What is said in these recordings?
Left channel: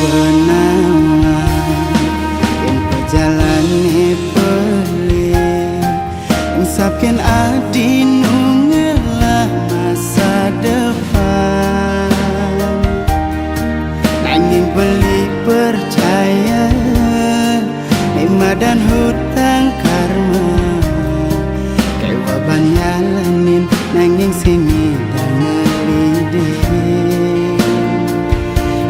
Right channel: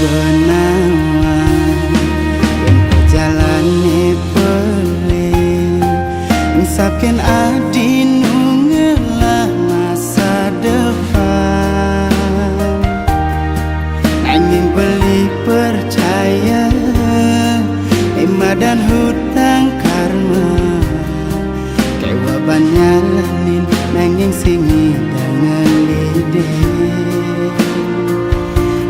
benawan yen pejalane pelin insapken adi nungelah masa depan nanging beli percaya Ema dan hutang karma kewa banyalanin nanging singi dan ngelidin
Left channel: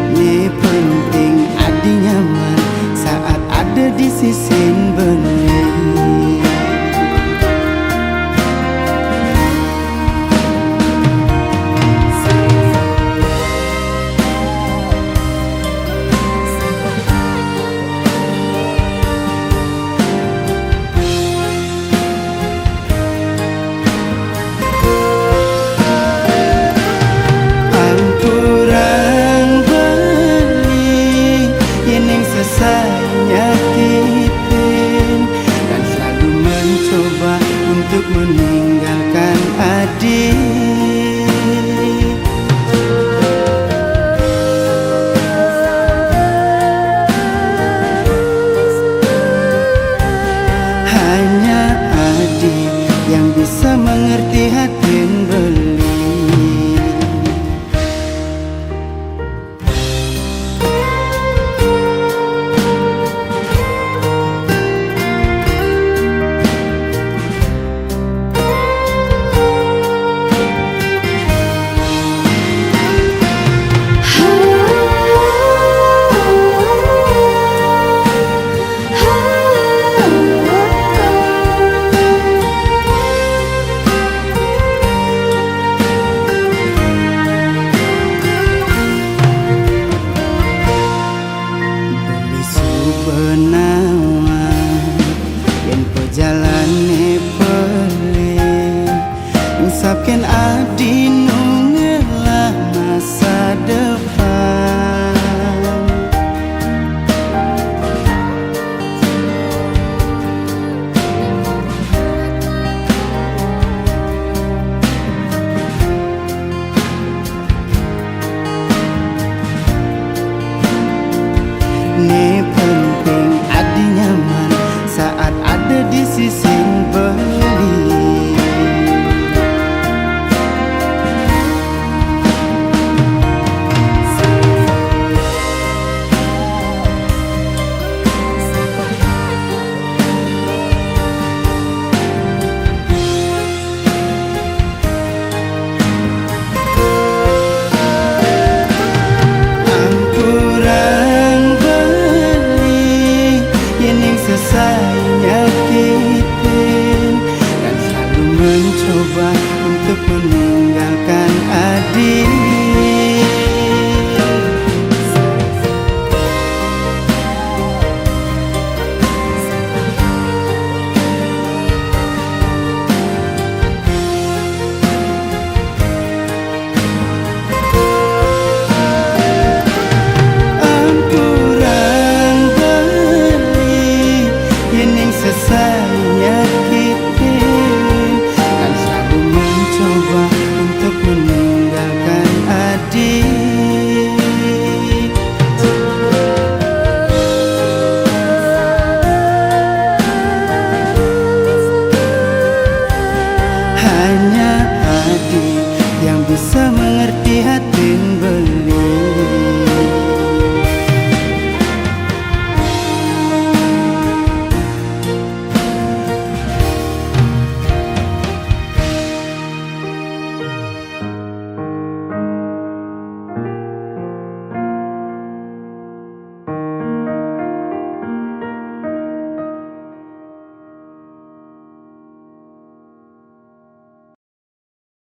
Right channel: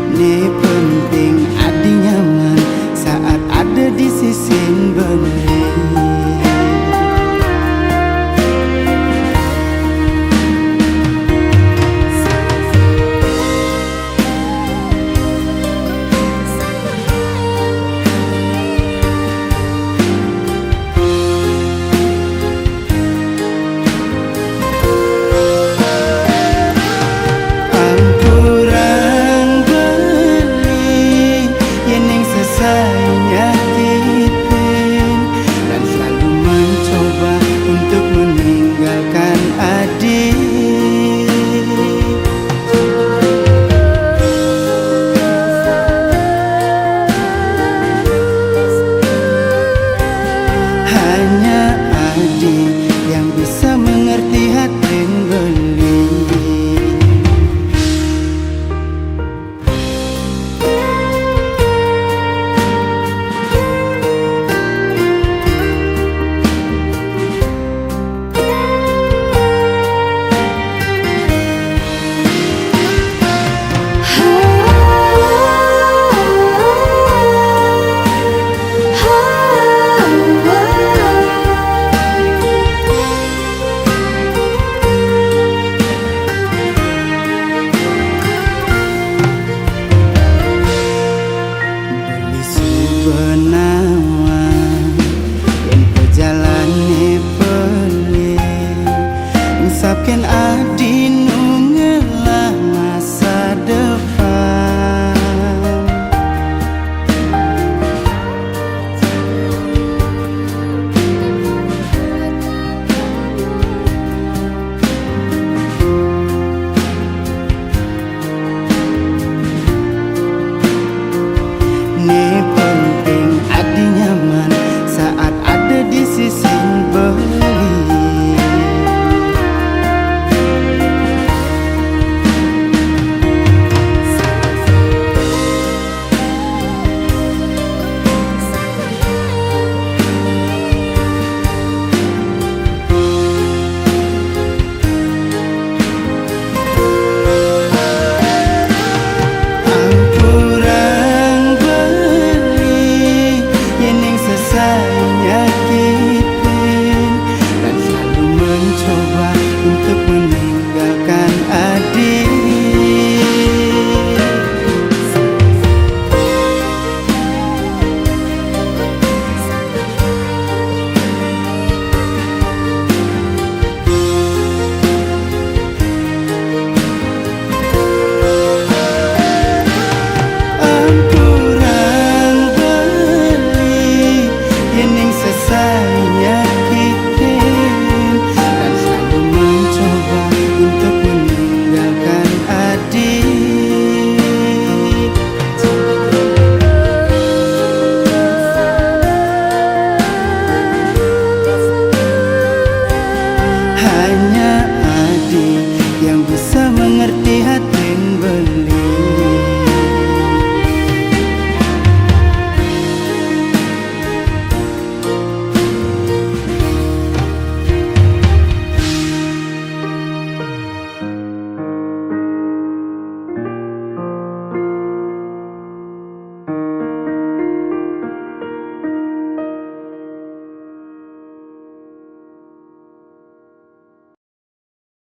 Ni penting adi nyaman saat ada di sisi beli selesai nyakitin dan selalu mencoba untuk meninggalkan adik. Hanya adik yang bisa mengerti hati beli. Benawan yen pejalane pelin insapken adi nungelah masa depan Ni penting adi nyaman saat ada di sisi beli. Selesai nyakitin dan selalu mencoba untuk meninggalkan adik. Selesai nyakitin dan selalu mencoba untuk meninggalkan adik. Hanya adik yang bisa mengerti hati beli.